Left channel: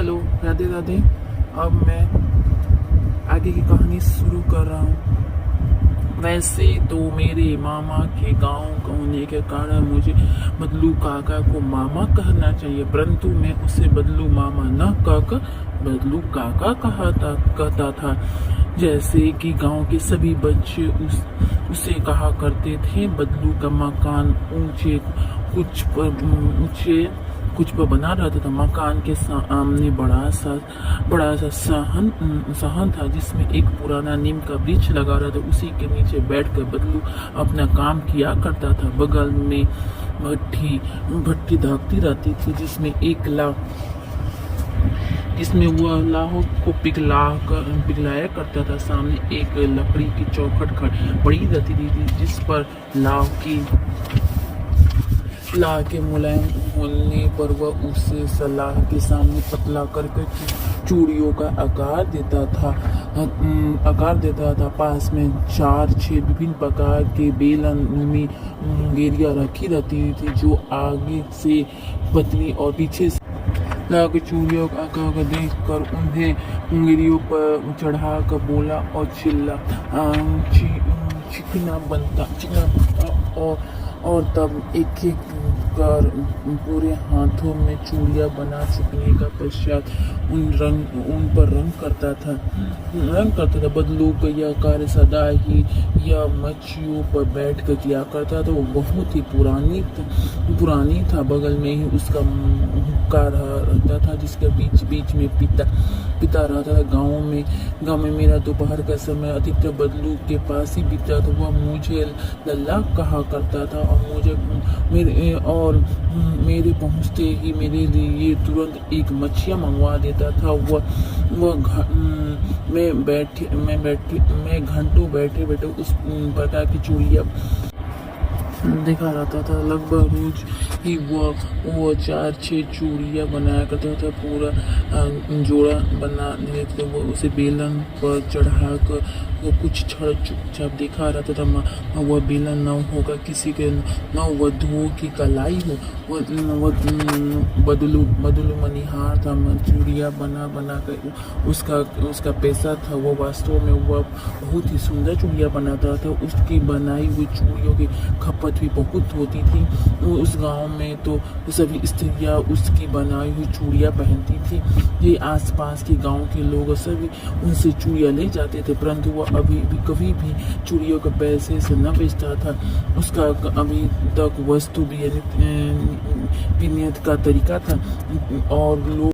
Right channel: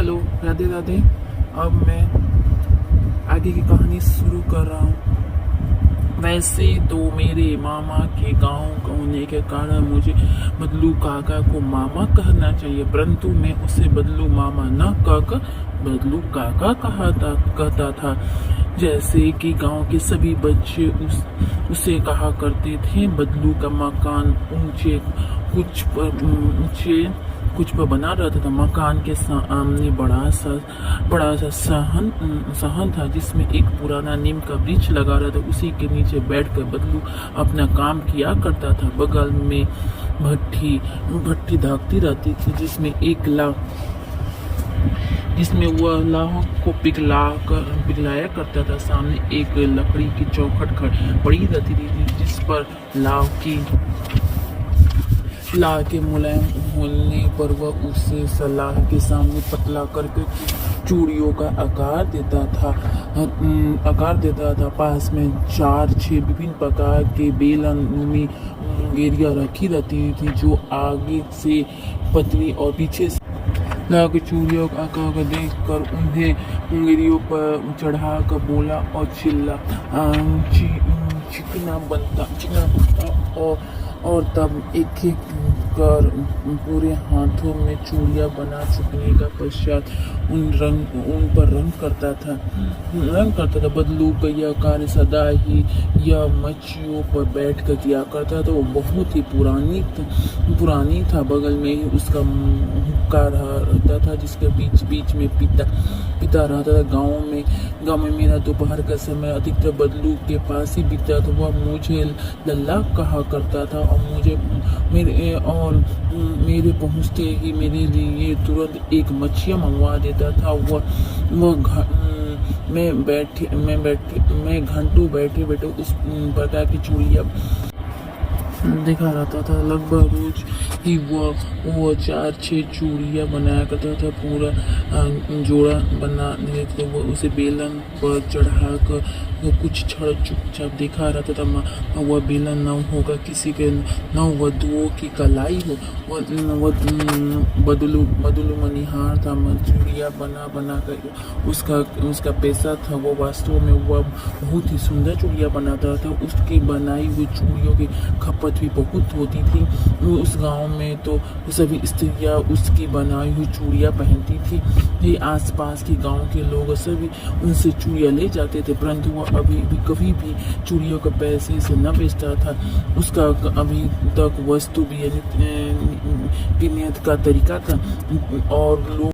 Hello, Radhe Radhe. अब मैं आगे की कहानी शुरू कर रहा हूँ। वैसे तो मेरे मामा के गांव होने के कारण मुझे बदलू काका को मामा कहना चाहिए, परंतु मैं उसे बदलू मामा न कहकर बदलू काका कहता था। जैसे कि गांव के सभी बच्चे उसे कहा करते थे। बदलू का मकान कुछ पर बना रहता था। मकान के सामने बड़ा सा सहन था, जिसमें एक पुराना नीम का वृक्ष लगा रहा था। उसी के नीचे बैठकर बदलू अपना काम किया करता था। बगल में भट्टी धाकती रहती थी, जिसमें वह लाह को पिघलाया करता था। सामने एक लकड़ी की चौखट पड़ी रहती थी, जिस पर लाह के मुलायम होने पर वह उसे सलाह के सामने पतला करके चूड़ियों का आकार देता था। पास में 4-6 विभिन्न प्रकार के बेलन में गेरिया रखी रहती थी, जो आगे से पतली और पीछे से लाह की चूड़ियों का आकार देख कर उन्हें उंगलियों पर चढ़ाकर बोला और चिल्ला चिकना बनता और तब एक कर पूरे हाथों में चूड़ियां बना चुकने का पश्चात उन पर रंग करता था। बदलू का यह कार्य सदा ही यह मच्छियों पर बैठ कर किया करता था। वो बहुत ही पुरानी था। बगल में ही उसका हुक्का रहता था, जिसके बीच में पिता रहता था। गांव में मेरा दोपहर का समय अधिकतर बदलू के पास ही बीतता था। वह मुझे लल्ला कहा करता था और मेरे पहुंचते ही मेरे लिए तुरंत एक मच्छियाँ मंगवा देता था। मैं घंटों बैठे उस प्रकार की चूड़ियाँ देखा रहता था। लगभग रोज ही वो 4-6 चूड़ियाँ बनाया करता था। पूरा जोड़ा बना देते वो उसे बेलन पर चढ़ाकर वो कुछ क्षण चुपचाप देखा रहता था। वह बेलन न होगा किसी के, न वधुओं की कलाई हो। बदलू मनिहार था। चूड़ियाँ बना कर उसका पैसा था। वो वास्तव में वह बहुत ही सुंदर चूड़ियाँ बनाता था। उसकी बनाई हुई चूड़ियों की खपत भी बहुत होती थी। उस गांव में तो सभी स्त्रियां उसकी बनाई हुई चूड़ियां पहनती थी। ये आसपास के गांव के लोग सभी उनसे चूड़ियां ले जाते थे, परंतु वह कभी भी चूड़ियों के पैसे से न बेचता था। उसका अभी तक वस्तु भी नियत का तरीका था और लोग